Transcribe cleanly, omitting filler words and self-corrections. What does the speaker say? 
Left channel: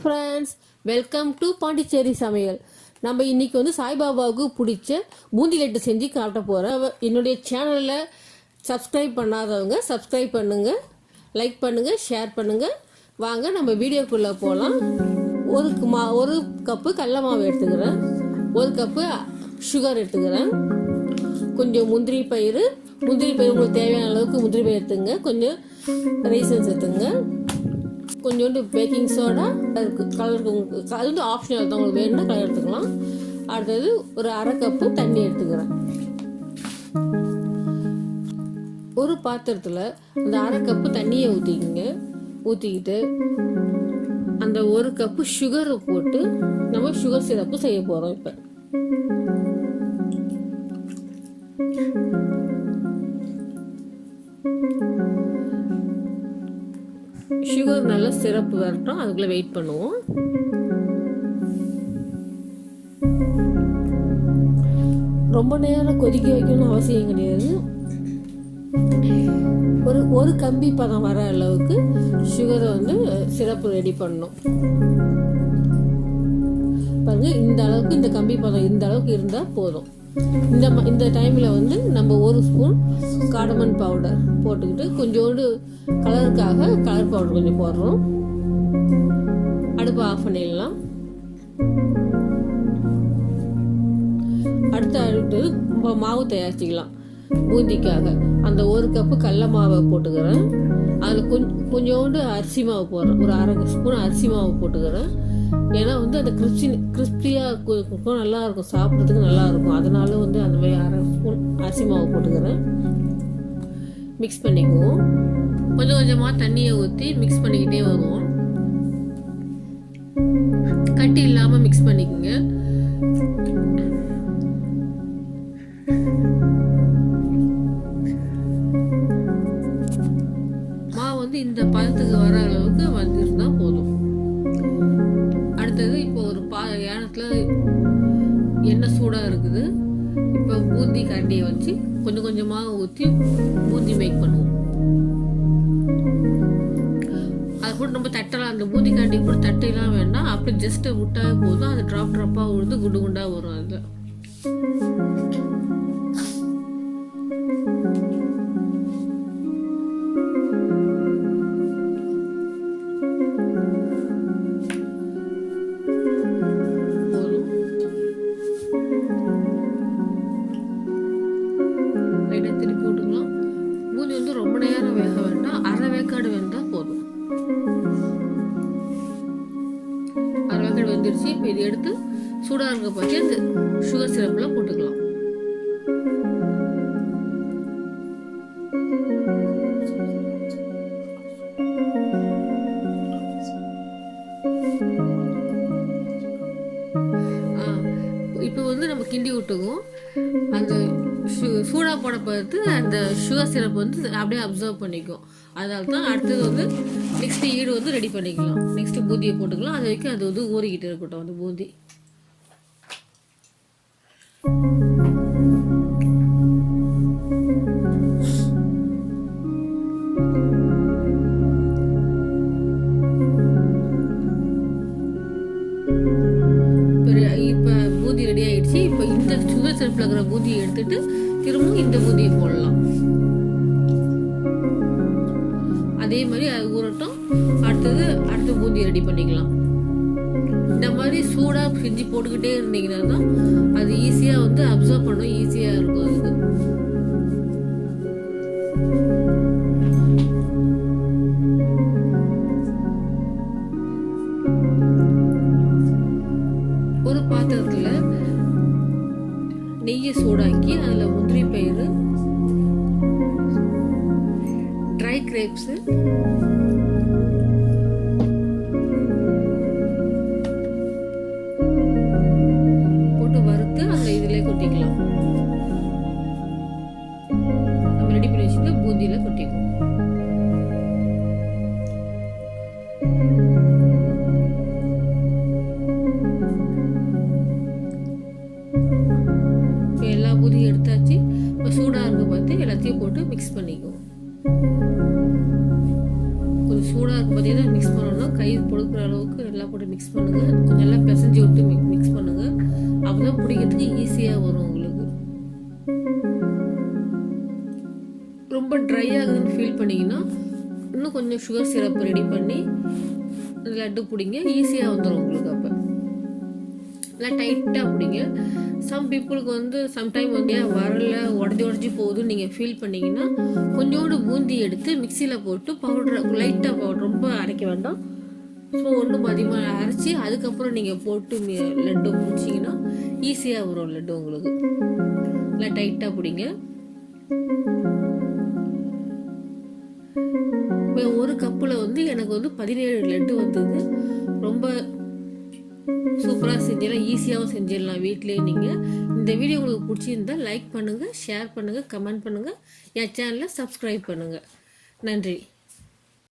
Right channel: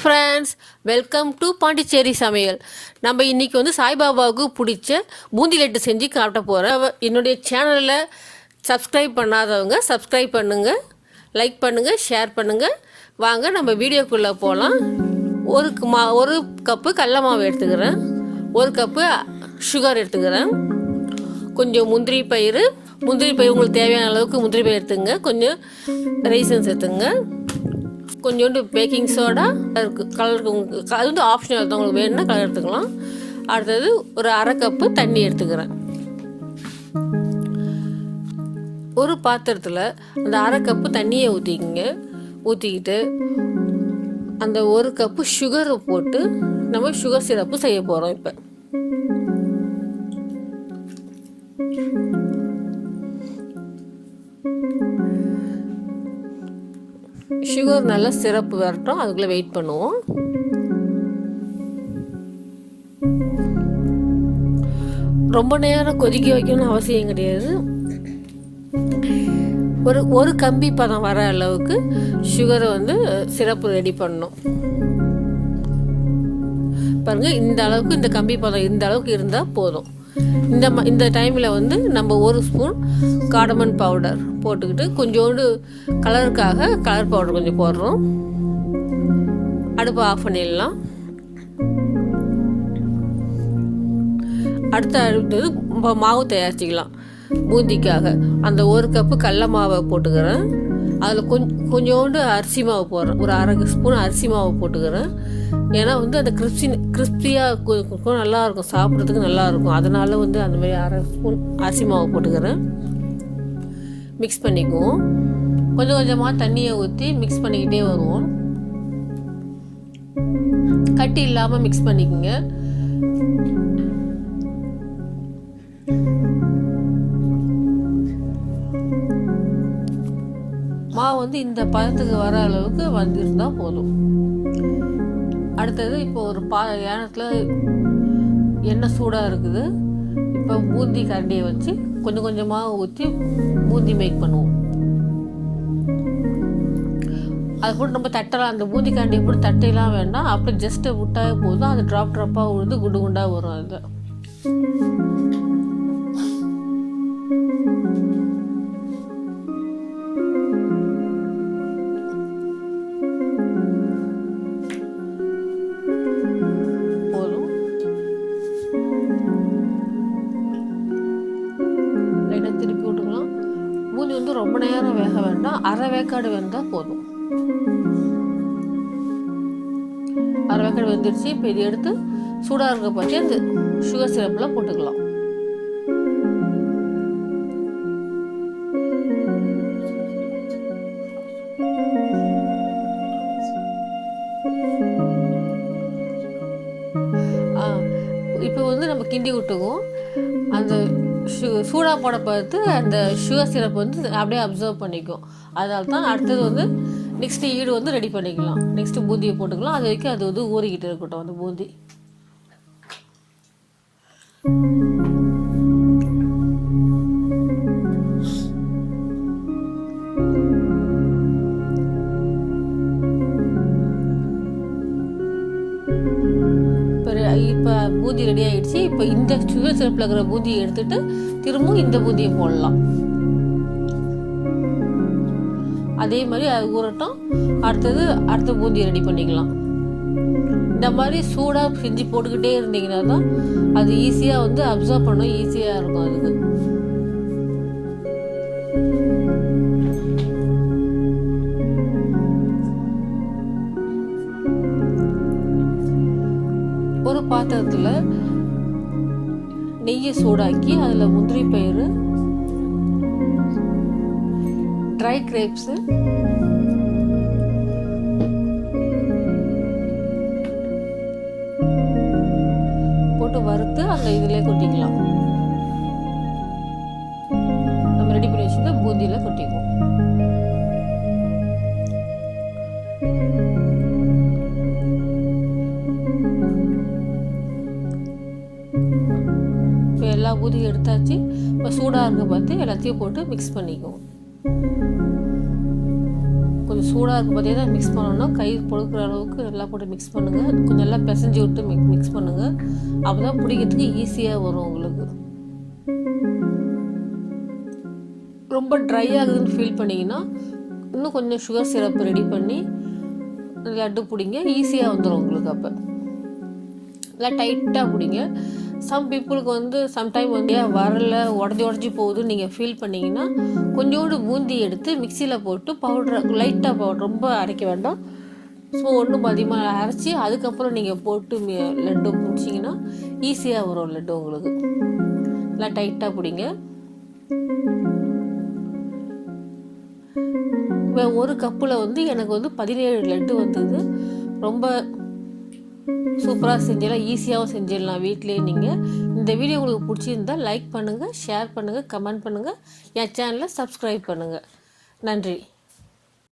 Friends, welcome to Pondicherry சமையல். நம்ம இன்றைக்கி வந்து சாய்பாபாவுக்கு பிடிச்ச பூந்தி லட்டு செஞ்சு காட்ட போகிறேன். என்னுடைய சேனலில் சப்ஸ்கிரைப் பண்ணாதவங்க சப்ஸ்கிரைப் பண்ணுங்கள், லைக் பண்ணுங்கள், ஷேர் பண்ணுங்கள். வாங்க நம்ம வீடியோக்குள்ளே போகலாம். ஒரு கப்பு கடல மாவு எடுத்துக்கிறேன், ஒரு கப்பு சுகர் எடுத்துக்கிறேன், கொஞ்சம் முந்திரி பயிறு உங்களுக்கு தேவையான அளவுக்கு முந்திரி பயிர் எடுத்துங்க, கொஞ்சம் ரைசன்ஸ் எடுத்துங்க, கொஞ்சோண்டு பேக்கிங் சோடா கலருக்கு. அது வந்து ஆப்ஷனல் தான், உங்களுக்கு வேணும்னா கலர் எடுத்துக்கலாம். அடுத்தது ஒரு அரை கப்பு தண்ணி எடுத்துக்கிறேன். ஒரு பாத்திரத்தில் அந்த அரை கப்பு தண்ணியை ஊற்றிக்கிட்டு அந்த ஒரு கப்பு சுகரை போட்டு நம்ம சுகர் சிரப்பு செய்ய போகிறோம். இப்போ சுகர் நல்லா சிரப்பு வரட்டும், அதுக்குள்ளே வெயிட் பண்ணுவோம். ரொம்ப நேரம் கொதிக்க வைக்கணும்னு அவசியம் கிடையாது. ஒரு கம்பி பதம் வர அளவுக்கு சுகரை வந்து சிரப்பு ரெடி பண்ணணும். பாருங்க, இந்த அளவுக்கு, இந்த கம்பி பதம் இந்த அளவுக்கு இருந்தால் போதும். இந்த டைமில் வந்து நம்ம ஒரு ஸ்பூன் காடமன் பவுடர் போட்டுக்கிட்டு கொஞ்சோண்டு கலருக்காக கலர் பவுடர் கொஞ்சம் போடுறோம். அடுப்பை ஆஃப் பண்ணிடலாம். அடுத்தது மாவு தயாரிச்சிக்கலாம். பூந்திக்காக அந்த ஒரு கப்பு கடல மாவை போட்டுக்கிறேன். அதில் கொஞ்சோண்டு அரிசி மாவு போடுறேன், ஒரு அரை ஸ்பூன் அரிசி மாவு போட்டுக்கிறேன். ஏன்னா வந்து அந்த கிறிஸ்பியாக நல்லாயிருக்கும், சாப்பிட்றதுக்கு நல்லாயிருக்கும். அதனால வந்து அந்த மாதிரி அரை ஸ்பூன் அரிசி மாவு போட்டுக்கிறேன். மிக்ஸ் பண்ணிக்குவோம். கொஞ்சம் கொஞ்சமாக தண்ணியை ஊற்றி மிக்ஸ் பண்ணிக்கிட்டே வருவோம். கட்டி இல்லாமல் மிக்ஸ் பண்ணிக்கோங்க. மாவு வந்து இந்த பதத்துக்கு வர அளவுக்கு வந்துருந்தால் போதும். அடுத்தது இப்போ ஒரு ஏனத்தில் எண்ணெய் சூடாக இருக்குது. இப்போ பூந்தி கரண்டியை வச்சு கொஞ்சம் கொஞ்சமாக ஊற்றி பூந்தி மேக் பண்ணுவோம். அது கூட நம்ம தட்டலாம், அந்த பூந்தி கரண்டியை கூட தட்டையெல்லாம் வேண்டாம், அப்படி ஜஸ்ட்டு விட்டாவே போதும். அது ட்ராப்பாக விழுந்து குண்டு குண்டாக வரும். அது ரொம்ப நேரம் வேக வேண்டாம், அரை வேக்காடு வெந்தால் போதும். அரை வேக்காடு வெந்துருச்சு. இப்போ இது எடுத்து சூடாக இருக்க பார்த்து அந்த சுகர் சிரப்பில் போட்டுக்கலாம். இப்போ வந்து நம்ம கிண்டி விட்டுவோம். அந்த சூடாக போட பார்த்து அந்த சுகர் சிரப் வந்து அப்படியே அப்சர்வ் பண்ணிக்கும். அதனால தான் அடுத்தது வந்து நெக்ஸ்ட்டு ஈடு வந்து ரெடி பண்ணிக்கலாம். நெக்ஸ்ட்டு பூந்தியை போட்டுக்கலாம். அது வரைக்கும் அது வந்து ஊறிக்கிட்டு இருக்கட்டும் அந்த பூந்தி. இப்போ பூந்தி ரெடி ஆகிடுச்சு. இப்போ இந்த சுகர் சிரப்பில் இருக்கிற பூந்தியை எடுத்துகிட்டு திரும்பவும் இந்த பூந்தியை போடலாம். அதே மாதிரி அது ஊறட்டும். அடுத்த பூந்தியை ரெடி பண்ணிக்கலாம். இந்த மாதிரி சூடாக செஞ்சு போட்டுக்கிட்டே இருந்தீங்கன்னா தான் அது ஈஸியாக வந்து அப்சர்வ் பண்ண ஈஸியாக இருக்கும். அதுக்கு ஒரு பாத்திரத்தில் நெய்யை சூடாக்கி அதில் முந்திரி பயிறு, ட்ரை கிரேப்ஸு, போட்டு வறுத்து அந்த இதில் கொட்டிக்கலாம். நம்ம ரெடி பண்ணி வச்சுட்டு பூந்தியில் கொட்டிக்குவோம். எல்லா பூந்தியும் எடுத்தாச்சு. இப்போ சூடாக இருக்க பார்த்து எல்லாத்தையும் போட்டு மிக்ஸ் பண்ணிக்குவோம். கொஞ்சம் சூடாக இருக்கும் பார்த்தீங்கன்னா மிக்ஸ் பண்ணணும். கை பொழுக்கிற அளவுக்கு நல்லா போட்டு மிக்ஸ் பண்ணுங்கள். கொஞ்சம் நல்லா பிசைஞ்சு விட்டு மிக்ஸ் பண்ணுங்கள். அப்போ தான் பிடிக்கிறதுக்கு ஈஸியாக வரும் உங்களுக்கு. ரொம்ப ட்ரை ஆகுதுன்னு ஃபீல் பண்ணிங்கன்னா இன்னும் கொஞ்சம் சுகர் சிரப் ரெடி பண்ணி லட்டு பிடிங்க, ஈஸியாக வந்துடும் உங்களுக்கு. அப்போ நல்லா டைட்டாக பிடிங்க. சம் பீப்புளுக்கு வந்து சம்டைம் வந்து வரல உடஞ்சி போகுதுன்னு நீங்கள் ஃபீல் பண்ணிங்கன்னா கொஞ்சோண்டு பூந்தி எடுத்து மிக்சியில் போட்டு பவுடர் லைட்டாக பவுடர், ரொம்ப அரைக்க வேண்டாம். ஸோ ஒன்றும் அதிகமாக அரைச்சி அதுக்கப்புறம் நீங்கள் போட்டு லட்டு பிடிச்சிங்கன்னா ஈஸியாக வரும் லட்டு உங்களுக்கு. நல்லா டைட்டாக பிடிங்க. ஒரு கப்பில் வந்து எனக்கு வந்து 17 லட்டு வந்தது. ரொம்ப சூப்பராக செஞ்சிடலாம், ஈஸியாகவும் செஞ்சிடலாம் வீட்டிலேயே. நீங்கள் இந்த வீடியோ உங்களுக்கு பிடிச்சிருந்தா லைக் பண்ணுங்கள், ஷேர் பண்ணுங்கள், கமெண்ட் பண்ணுங்கள், என் சேனலை சப்ஸ்கிரைப் பண்ணுங்கள். நன்றி.